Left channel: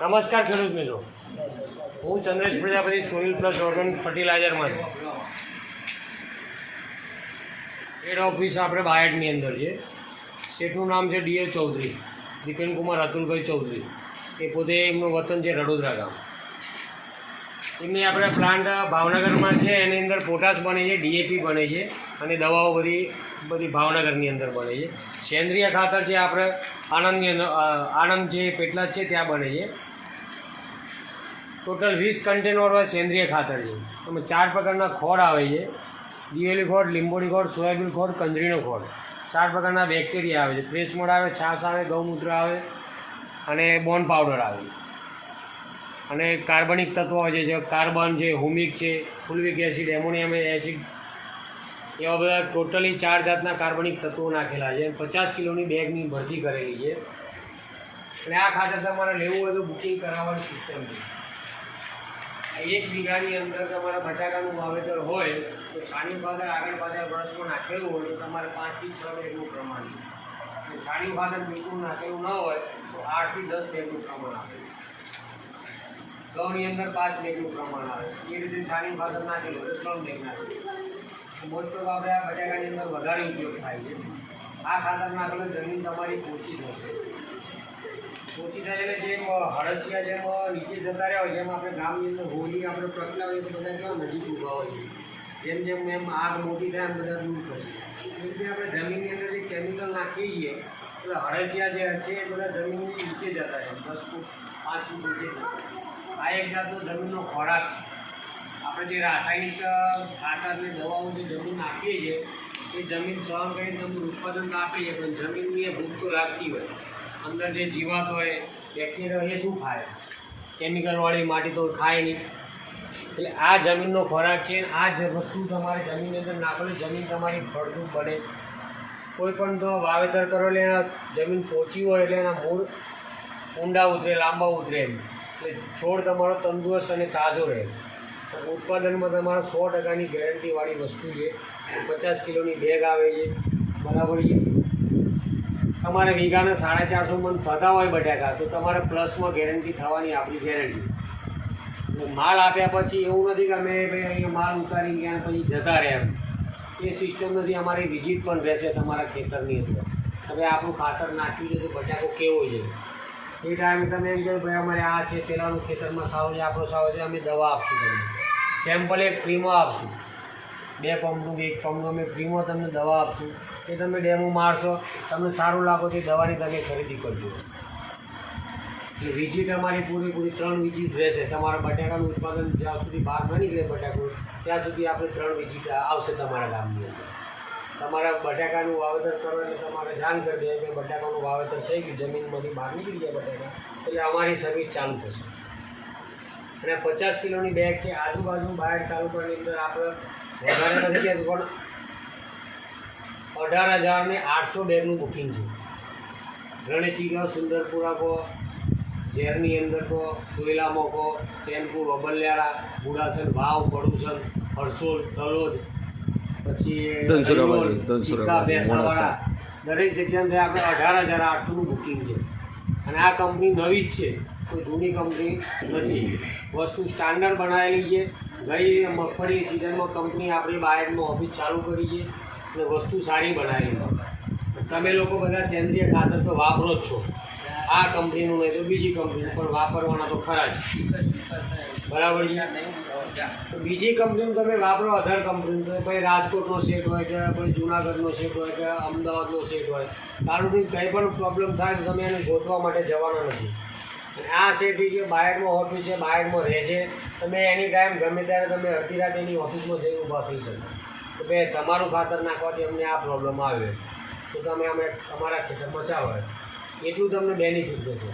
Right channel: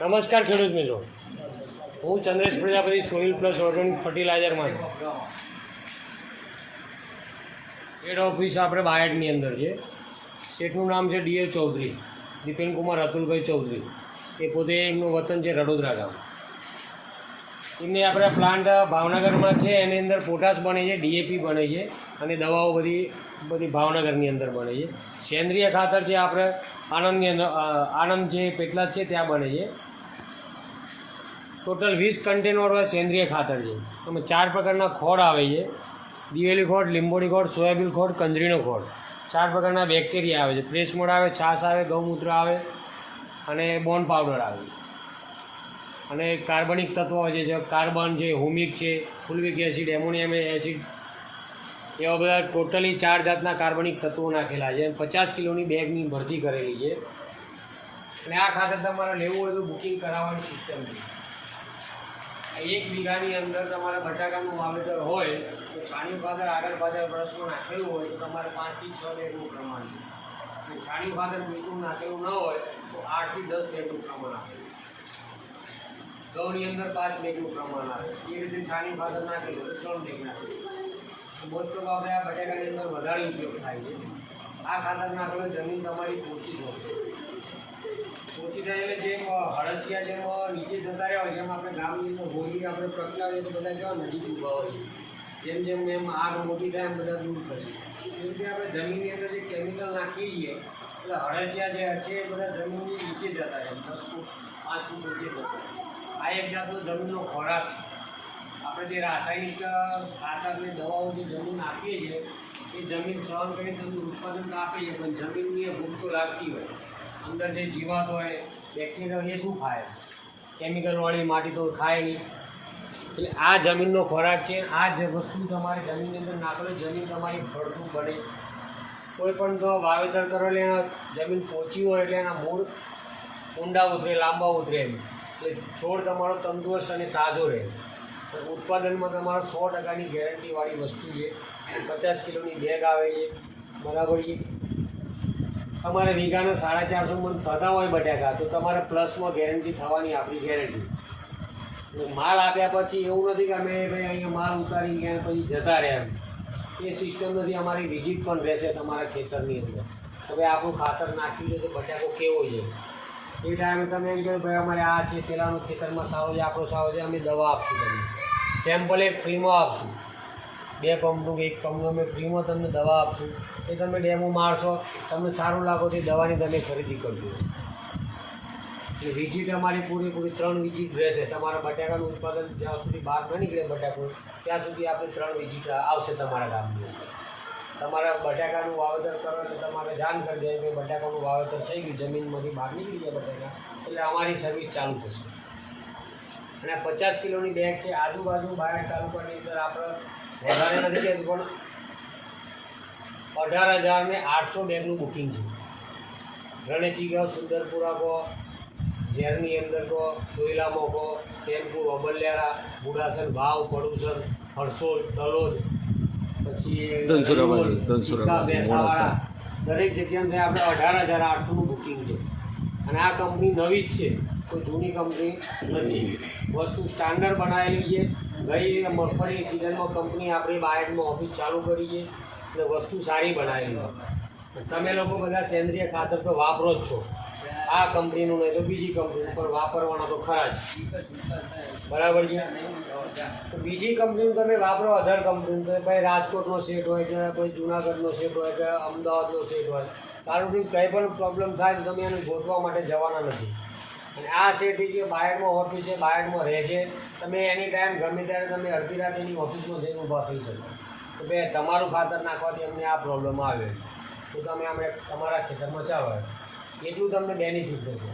નમસ્કાર ખેડૂત મિત્રો, હું Chandresh Prajapati soil plus organic ફર્ટિલાઇઝરમાં છું. હેડ ઓફિસ આપણે બાયડની અંદર છે. શેઠનું નામ છે ડીએ ચૌધરી, દીપેનકુમાર અતુલભાઈ ચૌધરી. એ પોતે એમનું વતન છે રડોદરા ગામ. એમની આપણે પ્લાન્ટ ભાવનગરમાં છે. એની અંદર પોટાશ બને છે, ડીએપી બને છે અને દવાઓ બધી ભાવનગરની અંદર બને છે. સેન્દ્રિય ખાતર છે આપણે આણંદ જે પેટલાદ છે ત્યાં બને છે. ટોટલ 20 કન્ટેનર સેન્દ્રિય ખાતર છે. એમાં 4 પ્રકારના ખોળ આવે છે: દિવેલી ખોળ, લીંબોળી ખોળ, સોયાબીન ખોળ, કંજરીનો ખોળ. 4 પ્રકારના બેક્ટેરિયા આવે છે: પ્રેસમોડ આવે, છાશ આવે, ગૌમૂત્ર આવે અને બોન પાવડર આવે. અને કાર્બનિક તત્વો આવે છે, જે કાર્બન છે, હુમિક છે, ફુલ્વિક એસિડ, એમોનિયમ એસિડ, એવા બધા ટોટલી 4 જાતના કાર્બનિક તત્વો નાખેલા છે. 50 કિલોની બેગની ભરતી કરેલી છે. અને આ ખાતર તમારે લેવું હોય તો બુકિંગ કરાવવાની સિસ્ટમ છે. 1 વીઘાની અંદર તમારે બટાકાનું વાવેતર હોય તો છાણિયું ખાતર આગળ પાછળ વર્ષમાં નાખેલું હોય તો તમારે 5 થી 6 બેગનું પ્રમાણ છે. અને છાણિયું ખાતર બિલકુલ નાખેલું ન હોય તો 8 થી 10 બેગનું પ્રમાણ આવે. ઘઉંની અંદર 5 બેગનું પ્રમાણ આવે. એ રીતે છાણિયું ખાતર નાખેલું હોય તો 3 બેગ નાખેલું. મોસ્ટ ઓફ આપણે આ બટાકાની અંદર વધારે ઉપયોગ થાય છે. આ ખાતર નાખેલું જમીન તમારી પોચી થશે. પોચી થાય એટલે જેમ હળસિયા જેમ નીચે જતા રહ્યા હોય, જેમ આપણે ગામની અંદર હોળી આપણે પ્રગટાવીએ તો બધા કેવા નજીક ઊભા હોય છે. જેમ જેમ એમ આગ મોટી થાય એમ બધા દૂર થશે. એ રીતે આપણે જમીનની અંદર જે કેમિકલ નાખીએ છીએ એટલે હળસિયા જે છે એ બધા જમીનની નીચે જતા રહે, 10 ફૂટ 5 ફૂટ નીચે જતા. આ એક જાતનો જમીનનો ખોરાક છે. આપણે જે રાસાયણિક ખાતરની દવાઓ જે જમીન નાખીએ છીએ એ જમીન સહન કરીને તમને ઉત્પાદન આપીએ, પણ જમીનની એ ભૂખ તો લાગતી હોય. અંદર જે જીવાત હોય, બેક્ટેરિયા, એ શું ખાય? કેમિકલવાળી માટી તો ખાય નહીં. એટલે આ જમીનનો ખોરાક છે. આ જ વસ્તુ તમારે જમીનની અંદર નાખેલી, જમીન તમારી ફળદ્રુપ બને. કોઈ પણ તો વાવેતર કરો એટલે એના જમીન પોચી હોય એટલે એના મૂળ ઊંડા ઉતરે, લાંબા ઉતરે. એટલે છોડ તમારો તંદુરસ્ત અને તાજો રહે. ઉત્પાદનમાં તમારો 100%ની ગેરંટીવાળી વસ્તુ છે. 50 કિલોની બેગ આવે છે, બરાબર છે. તમારે વીઘાના 450 મણ થતા હોય બટાકા તો તમારે પ્લસમાં ગેરંટી થવાની આપણી ગેરંટી. માલ આપ્યા પછી એવું નથી કે અમે ભાઈ અહીંયા માલ ઉતારી ગયા પછી જતા રહ્યા. એ સિસ્ટમ નથી. અમારી વિઝિટ પણ રહેશે તમારા ખેતરની અંદર. હવે આપણું ખાતર નાખ્યું છે તો બટાકો કેવો છે એ ટાઈમે તમે એમ કહો ભાઈ અમારે આ છે, પેલાનું ખેતરમાં સારો છે, આપણો સારો છે, અમે દવા આપશું તમને. સેમ્પલ એક ફ્રીમાં આપશું. 2 પંપનું કે 1 પંપનું અમે ફ્રીમાં તમને દવા આપશું. એ તમે ડેમો મારશો, તમને સારું લાગો તો દવાની તમે ખરીદી કરજો. એટલે વિઝિટ અમારી પૂરી 3 વિઝિટ રહેશે. તમારા બટાકાનું ઉત્પાદન જ્યાં સુધી બહાર ન નીકળે બટાકું ત્યાં સુધી આપણે 3 વિઝિટ આવશે તમારા ગામની. તમારા બટાકાનું વાવેતર કરો એટલે તમારે જાણ કરી દે કે બટાકાનું વાવેતર થઈ ગયું, જમીનમાંથી બહાર નીકળી ગયા બટાકા, એટલે અમારી સર્વિસ ચાલુ થશે. અને 50 કિલોની બેગ છે. આજુબાજુ બાયડ તાલુકાની અંદર આપણે વધારે નથી કહેતું પણ 18,800 બેગનું બુકિંગ છે. રણેચી કહો, સુંદરપુરા કહો, ઝેરની અંદર કહો, સોયલામાં કહો, ટેનપુર, અબલિયાળા, બુડાસર, વાવ, પડુસર, હરસોલ, તલોદ, પછી ધનસુરા, દરેક જગ્યાએ આપણે 18,800નું બુકિંગ છે. અને આ કંપની નવી જ છે, કોઈ જૂની કંપની નથી. વસ્તુ સ્ટાન્ડર્ડ બનાવેલી છે. ગઈ મગફળી સિઝનમાં કંપની આપણી બાયડમાં ઓફિસ ચાલુ કરી છે અને વસ્તુ સારી બનાવેલી છે. તમે લોકો બધા સેન્દ્રિય ખાતર તો વાપરો જ છો. આ કંપનીનું નહીં તો બીજી કંપનીનું પણ વાપરવાના તો ખરા જ, બરાબર છે. તો બીજી કંપનીનું તમે વાપરો, અધર કંપનીનું, તો ભાઈ રાજકોટનો સેટ હોય કે કોઈ જુનાગઢનો સેટ હોય કે અમદાવાદનો સેટ હોય, તારું કંઈ પણ પ્રોબ્લેમ થાય તો તમે એને શોધવા માટે જવાના નથી. અને આ સેટ જે બાયડમાં ઓફિસ છે, બાયડમાં રહે છે, તમે એની ટાઈમ ગમે ત્યારે તમે અડધી રાત એની ઓફિસમાં જઈને ઊભા થઈ શકો તો ભાઈ તમારું ખાતર નાખવાથી અમને આ પ્રોબ્લેમ આવે તો તમે અમે તમારા ખેતરમાં ચાલો, એટલું તમને બેનિફિટ થશે.